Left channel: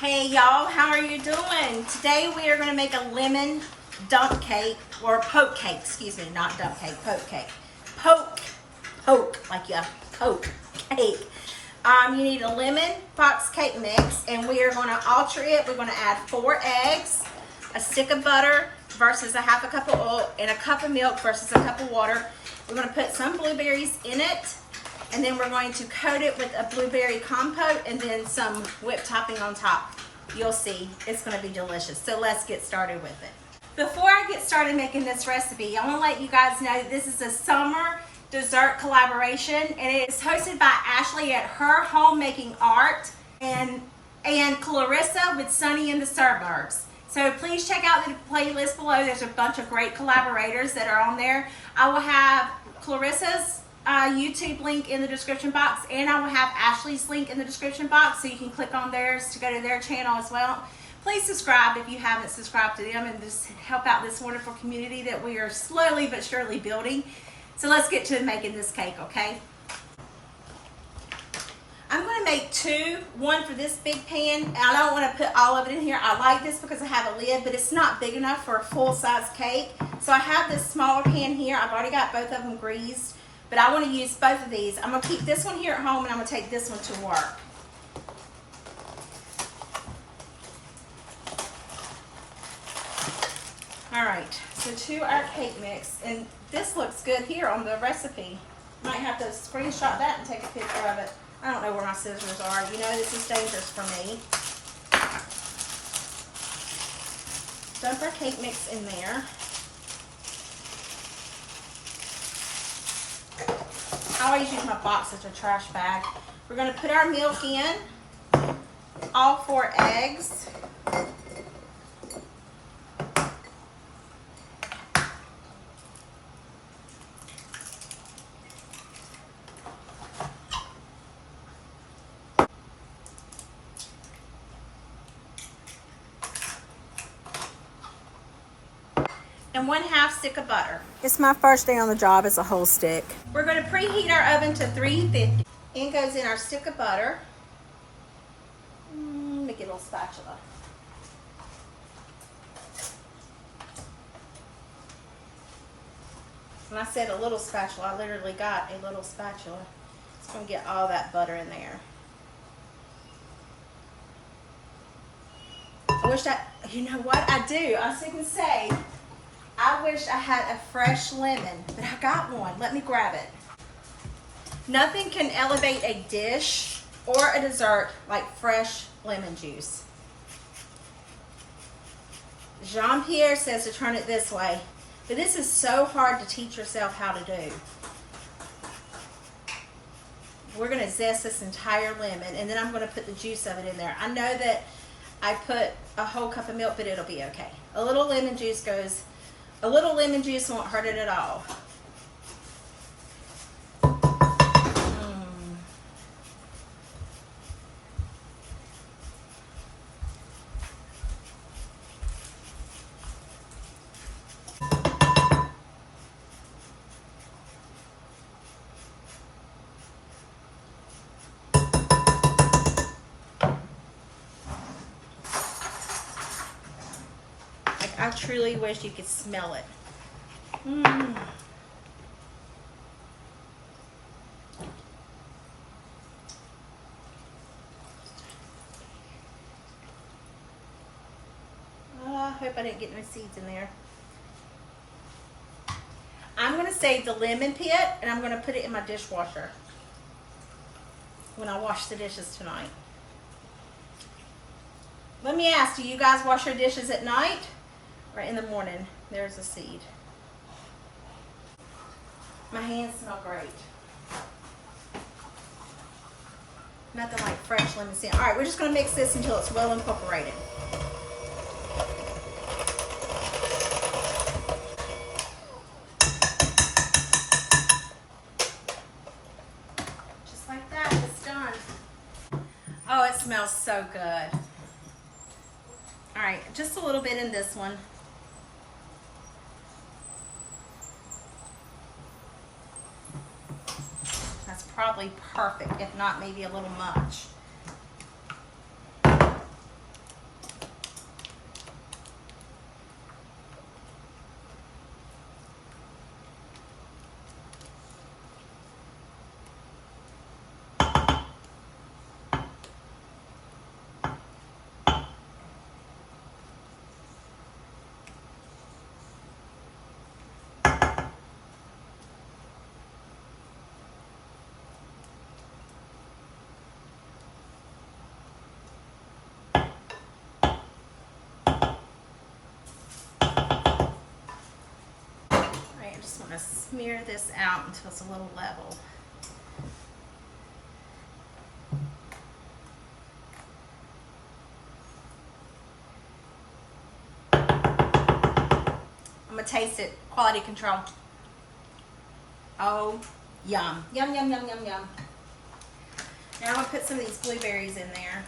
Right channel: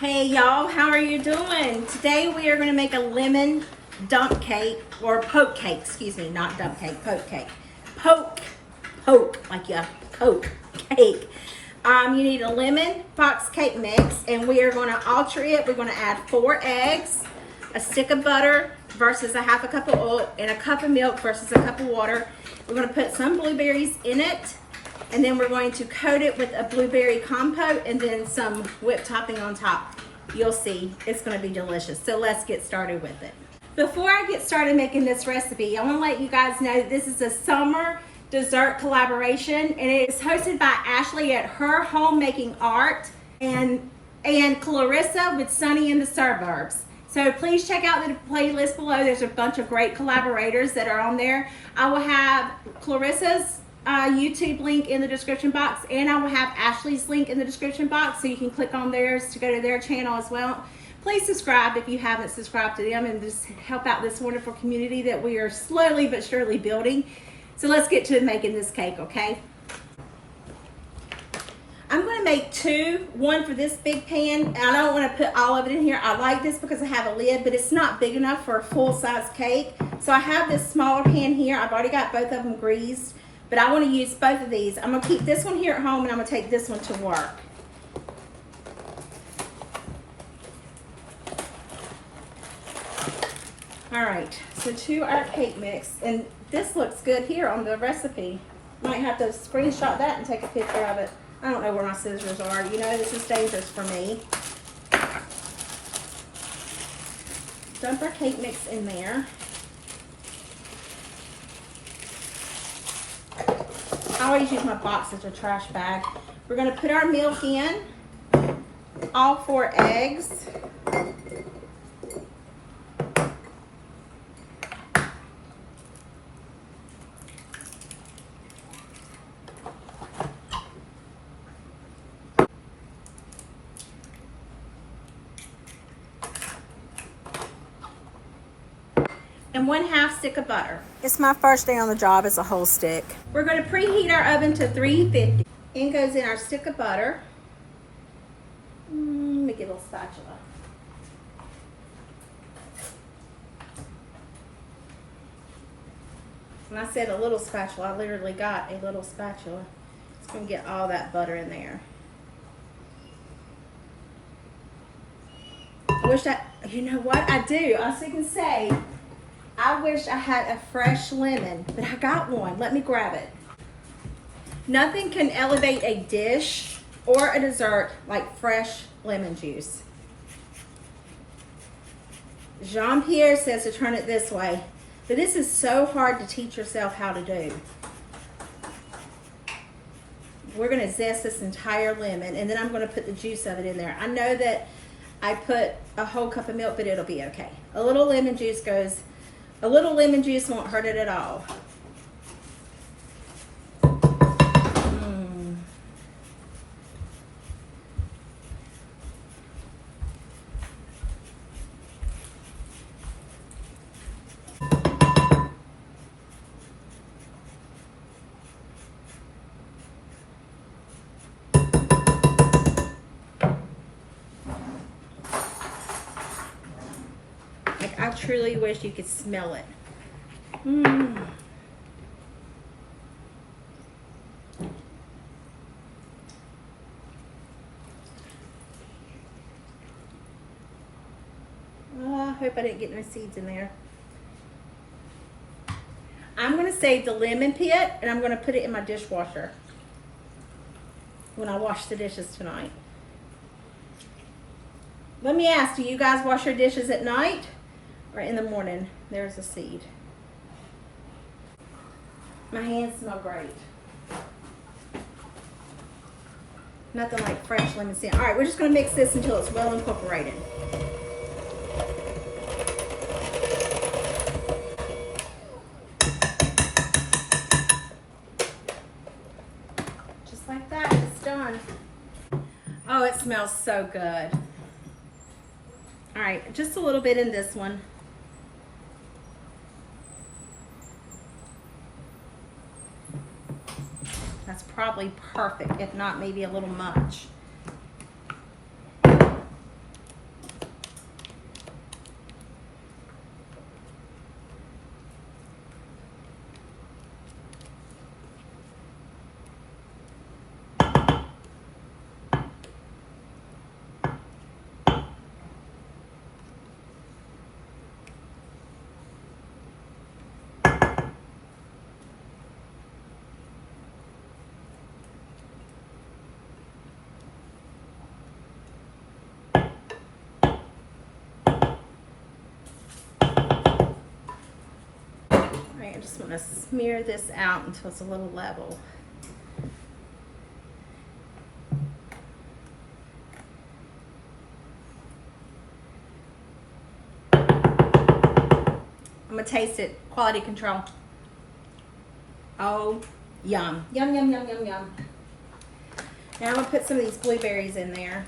Hey y'all, how are you doing? Today we are going to make a lemon dump cake, or poke cake, excuse me, not dump cake, poke cake. Poke, like yeah, Coke cake. You need a lemon box cake mix, and we are going to alter it. We're going to add 4 eggs, a stick of butter versus a half a cup of oil, and a cup of milk versus a cup of water. We're going to put some blueberries in it, and then we're going to coat it with a blueberry compote and then some whipped topping on top. You'll see, it's going to be delicious. So let's get started with it. Before I get started making this recipe, I want to let you guys know that this is a summer dessert collaboration, and it is hosted by Ashley at Her Homemaking Art and Clarissa with Sunny in the Suburbs. So please check out the playlist below. There's a bunch of great collaborators that are on there. I will have Clarissa's YouTube link in the description box, and I will have Ashley's link in the description box, so you can click on theirs to go to their channel as well. Please subscribe if you haven't subscribed to them, and just help out this wonderful community that we are slowly but surely building. So let's get to making this cake, okay? I'm going to make 2, one for this big pan, and I don't want to put all of it in here. I like this because I have a lid, but it's not big enough for a full-size cake. So I have this smaller pan here. I've already got both of them greased, but I want to use both of these. I'm going to keep this one here at home, and I'm going to take this one to work. All right, so to our cake mix, and this looks good here on the recipe. Might have to screenshot that and take a picture of it. I don't know where my scissors are. You know, this is dangerous for me. Dump our cake mix in there. I always use my box as a trash bag. We're going to put our milk in, all 4 eggs. And 1/2 stick of butter. It's my first day on the job as a whole stick. We're going to preheat our oven to 350. In goes in our stick of butter. Let me get a little spatula. When I said a little spatula, I literally got a little spatula. It's going to get all that butter in there. I wish you know what I do? I was going to say, I wish I had a fresh lemon, but I got one. Let me grab it. Nothing can elevate a dish or a dessert like fresh lemon juice. Jean-Pierre says to turn it this way, but this is so hard to teach yourself how to do. We're going to zest this entire lemon, and then I'm going to put the juice of it in there. I know that I put a whole cup of milk, but it'll be okay. A little lemon juice won't hurt it at all. I truly wish you could smell it. I hope I didn't get no seeds in there. I'm going to save the lemon pit, and I'm going to put it in my dishwasher when I wash the dishes tonight. Let me ask, do you guys wash your dishes at night or in the morning? There's a seed. My hands smell great. Nothing like fresh lemon scent. All right, we're just going to mix this until it's well incorporated. Just like that, it's done. Oh, it smells so good. All right, just a little bit in this one. That's probably perfect, if not maybe a little much. gonna smear this out until it's a little level. I'm gonna taste it. Quality control. Oh, yum. Yum, yum, yum, yum, yum. Now I'm gonna put some of these blueberries in there.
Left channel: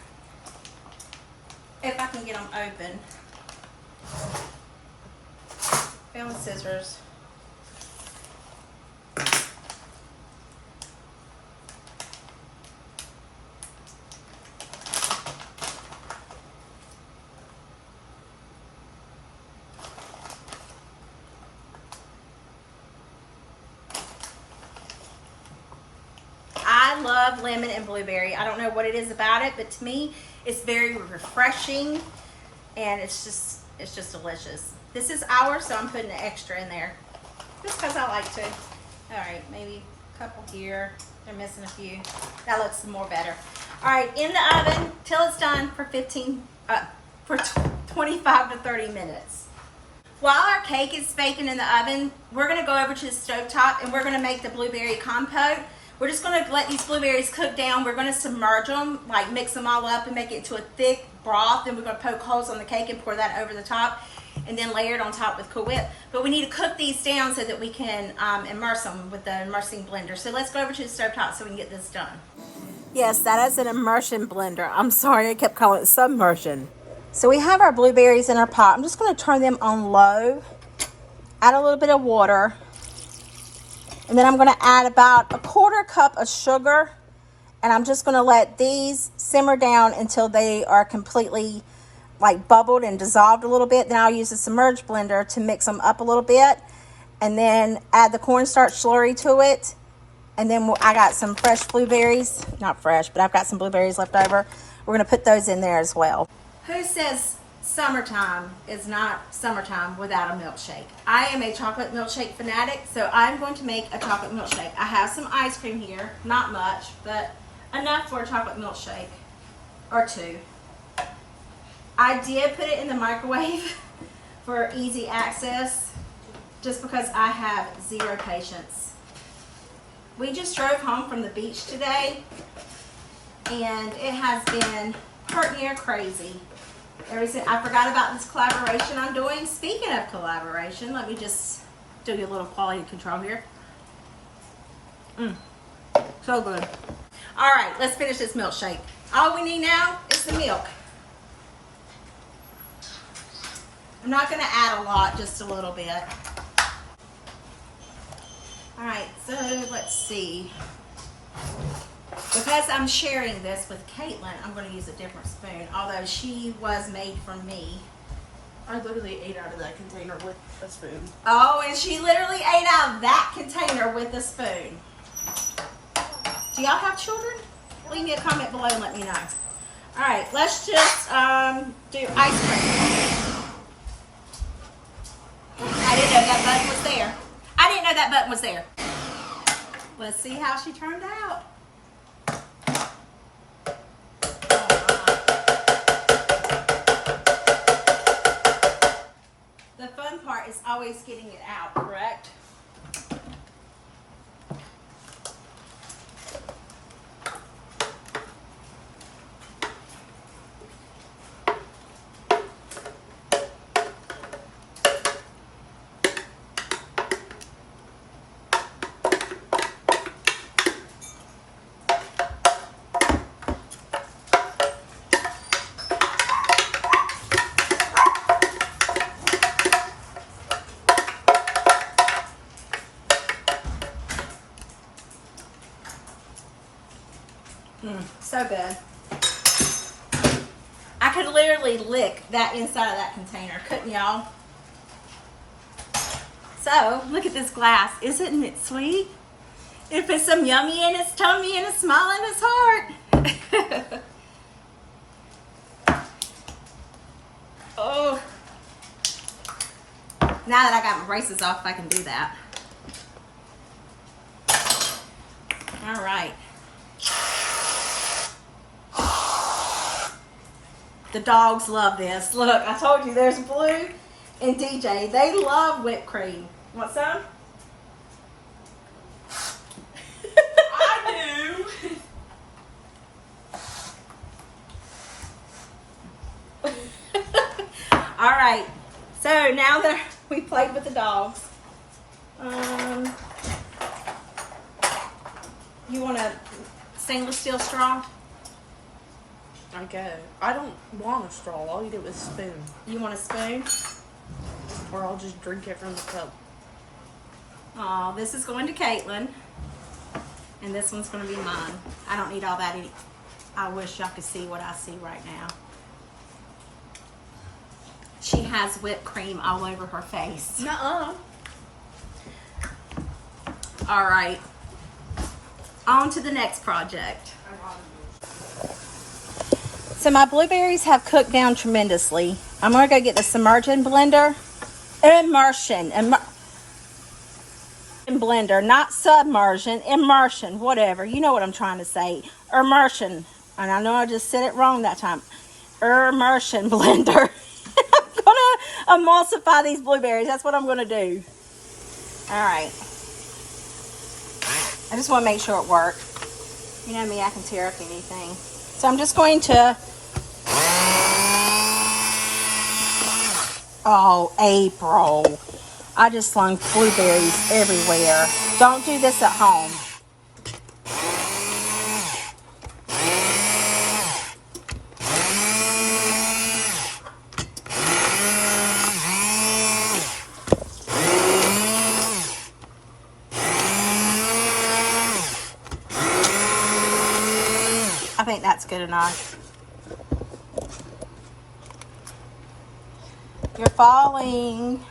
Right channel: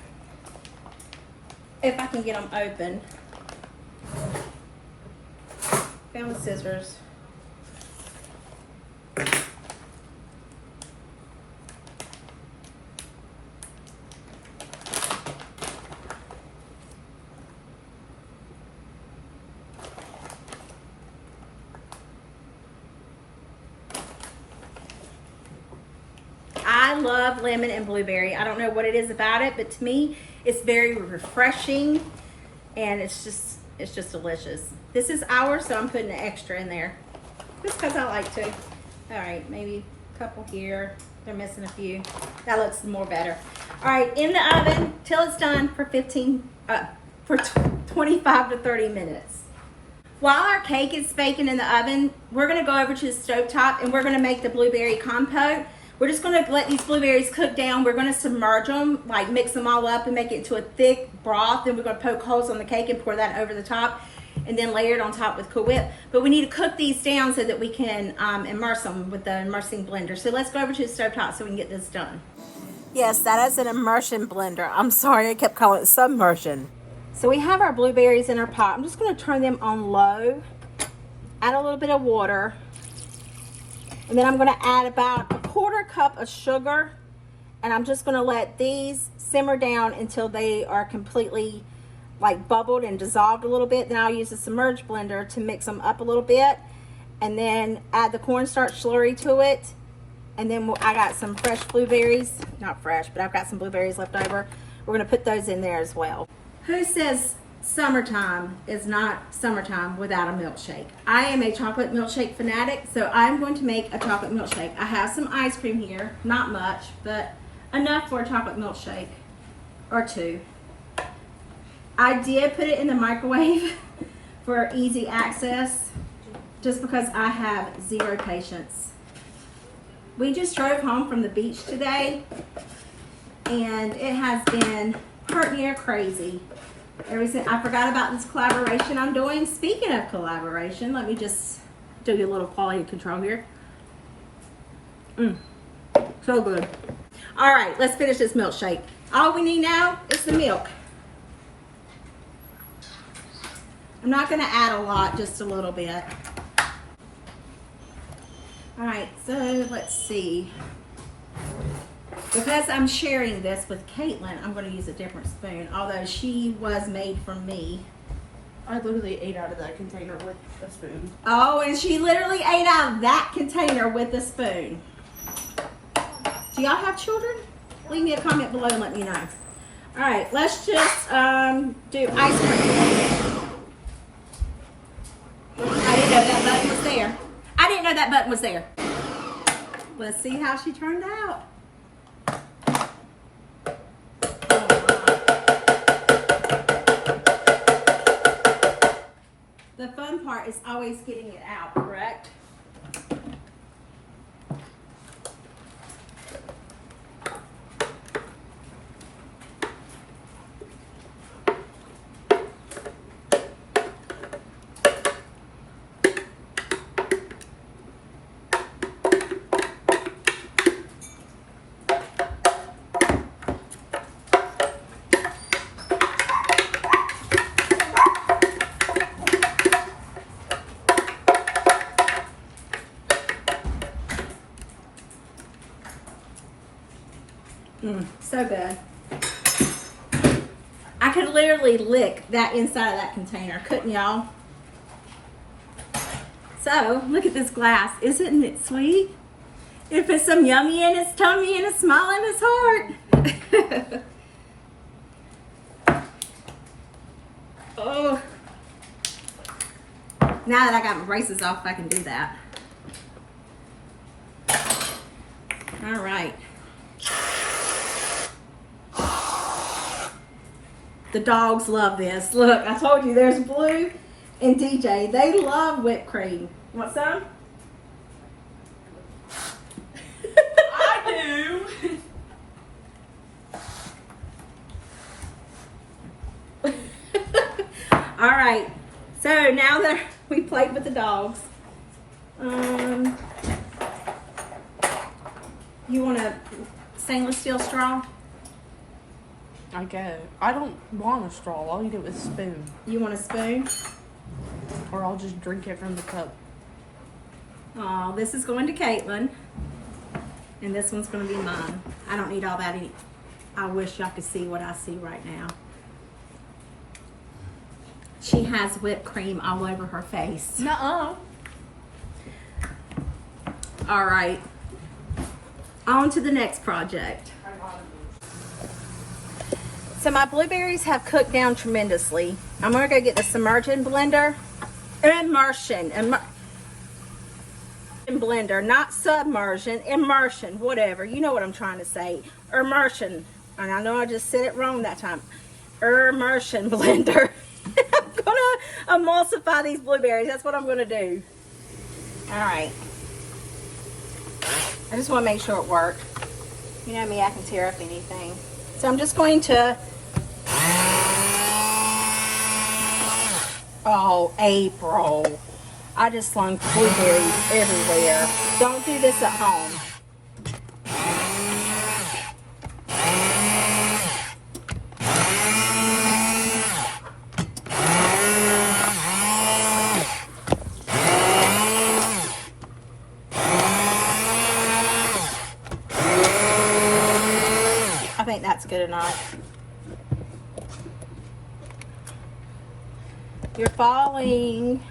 If I can get them open. Found with scissors. I love lemon and blueberry. I don't know what it is about it, but to me, it's very refreshing, and it's just delicious. This is ours, so I'm putting an extra in there, just because I like to. All right, maybe a couple here. They're missing a few. That looks more better. All right, in the oven till it's done for 25 to 30 minutes. While our cake is baking in the oven, we're gonna go over to the stovetop and we're gonna make the blueberry compote. We're just gonna let these blueberries cook down. We're gonna submerge them, like mix them all up and make it into a thick broth. Then we're gonna poke holes on the cake and pour that over the top and then layer it on top with Cool Whip. But we need to cook these down so that we can immerse them with the immersing blender. So let's go over to the stovetop so we can get this done. Yes, that is an immersion blender. I'm sorry, I kept calling it submersion. So we have our blueberries in our pot. I'm just gonna turn them on low, add a little bit of water, and then I'm gonna add about a 1/4 cup of sugar, and I'm just gonna let these simmer down until they are completely like bubbled and dissolved a little bit. Then I'll use the submerged blender to mix them up a little bit, and then add the cornstarch slurry to it. And then I got some fresh blueberries, not fresh, but I've got some blueberries left over. We're gonna put those in there as well. Who says summertime is not summertime without a milkshake? I am a chocolate milkshake fanatic, so I'm going to make a chocolate milkshake. I have some ice cream here, not much, but enough for a chocolate milkshake or two. I did put it in the microwave for easy access, just because I have zero patience. We just drove home from the beach today, and it has been pretty near crazy. I forgot about this collaboration I'm doing. Speaking of collaboration, let me just do a little quality control here. So good. All right, let's finish this milkshake. All we need now is the milk. I'm not gonna add a lot, just a little bit. All right, so let's see. Because I'm sharing this with Caitlin, I'm going to use a different spoon, although she was made from me. I literally ate out of that container with a spoon. Oh, and she literally ate out of that container with a spoon. Do y'all have children? Leave me a comment below and let me know. All right, let's just do ice cream. I didn't know that button was there. I didn't know that button was there. Let's see how she turned out. The fun part is always getting it out, correct? So good. I could literally lick that inside of that container, couldn't y'all? So, look at this glass. Isn't it sweet? It puts some yummy in its tummy and a smile in its heart. Oh. Now that I got my braces off, I can do that. All right. The dogs love this. Look, I told you there's Blue and DJ. They love whipped cream. Want some? All right. So now that we played with the dogs, you want a stainless steel straw? I guess. I don't want a straw. All you do is spoon. You want a spoon? Or I'll just drink it from the cup. Oh, this is going to Caitlin. And this one's going to be mine. I don't need all that. I wish y'all could see what I see right now. She has whipped cream all over her face. Nuh-uh. All right. On to the next project. So my blueberries have cooked down tremendously. I'm going to go get the submergent blender. Immersion blender, not submersion, immersion, whatever. You know what I'm trying to say. Immersion. And I know I just said it wrong that time. Immersion blender. I'm going to emulsify these blueberries. That's what I'm going to do. All right. I just want to make sure it worked. You know me, I can tear up anything. So I'm just going to... Oh, April. I just slung blueberries everywhere. Don't do this at home. I think that's good enough. You're falling.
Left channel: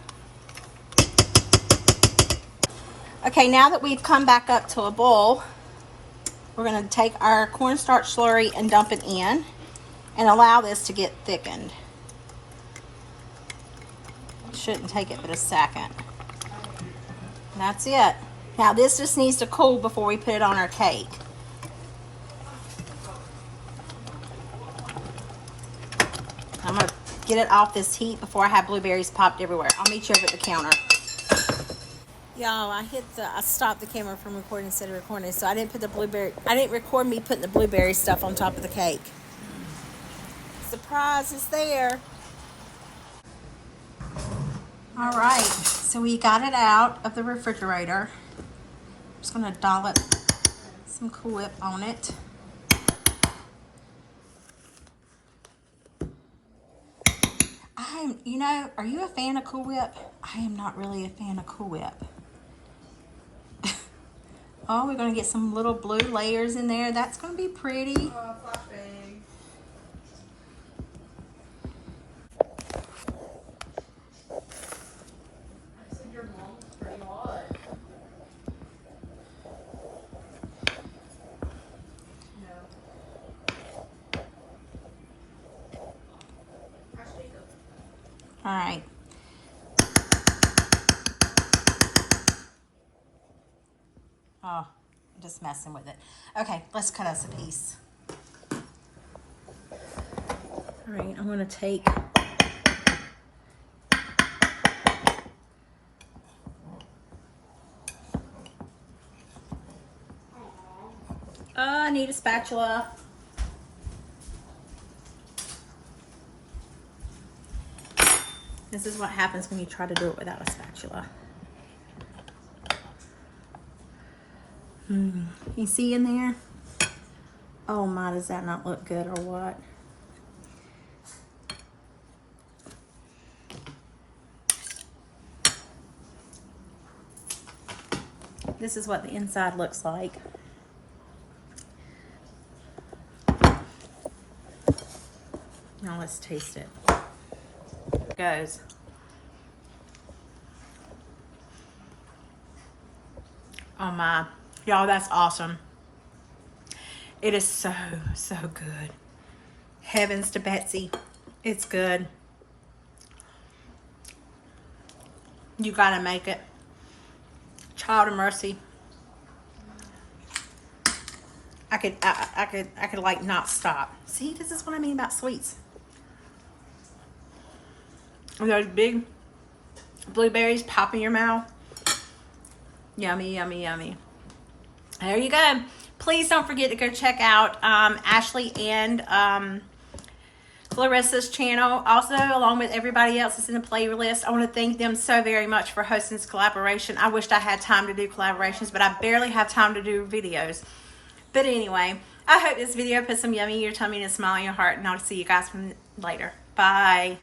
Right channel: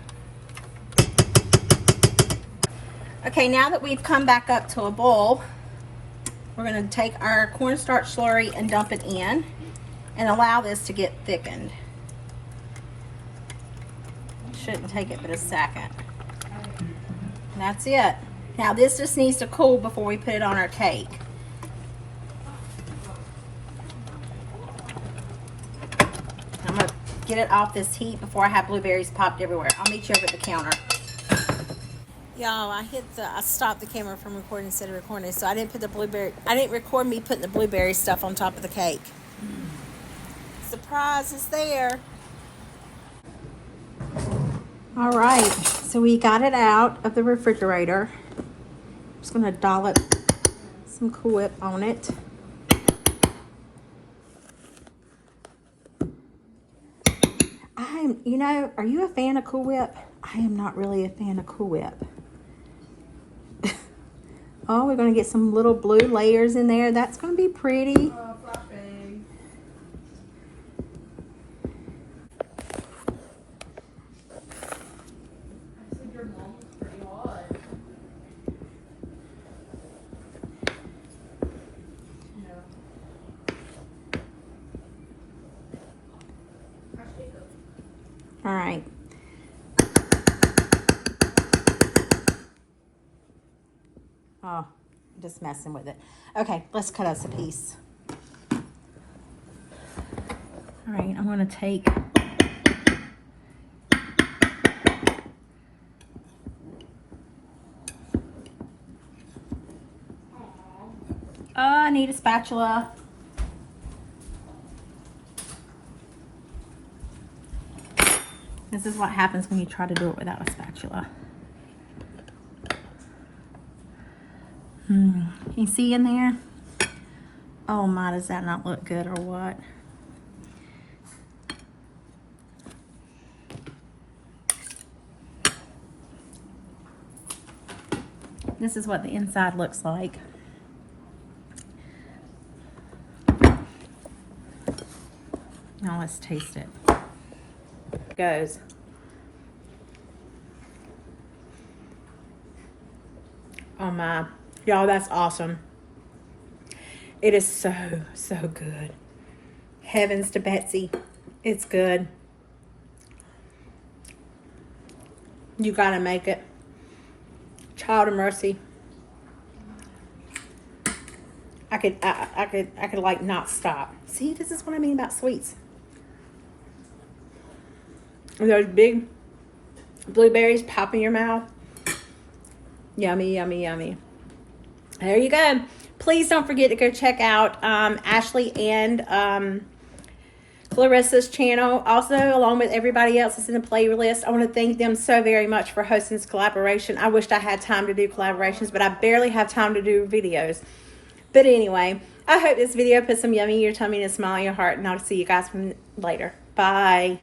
Okay, now that we've come back up to a bowl, we're going to take our cornstarch slurry and dump it in and allow this to get thickened. Shouldn't take it but a second. And that's it. Now this just needs to cool before we put it on our cake. I'm going to get it off this heat before I have blueberries popped everywhere. I'll meet you over at the counter. Y'all, I stopped the camera from recording instead of recording, so I didn't record me putting the blueberry stuff on top of the cake. Surprise is there. All right, so we got it out of the refrigerator. I'm just gonna dollop some Cool Whip on it. Are you a fan of Cool Whip? I am not really a fan of Cool Whip. Oh, we're going to get some little blue layers in there. That's going to be pretty. Oh, fluffy. I said your mom was pretty hot. No. All right. Oh, just messing with it. Okay, let's cut us a piece. All right, I'm going to take I need a spatula. This is what happens when you try to do it without a spatula. You see in there? Oh my, does that not look good or what? This is what the inside looks like. Now let's taste it. It goes. Oh my. Y'all, that's awesome. It is so, so good. Heavens to Betsy. It's good. You gotta make it. Child of mercy. I could like not stop. See, this is what I mean about sweets. Those big blueberries pop in your mouth. Yummy, yummy, yummy. There you go. Please don't forget to go check out Ashley and Clarissa's channel. Also, along with everybody else that's in the playlist, I want to thank them so very much for hosting this collaboration. I wished I had time to do collaborations, but I barely have time to do videos. But anyway, I hope this video put some yummy in your tummy and a smile in your heart, and I'll see you guys from later. Bye.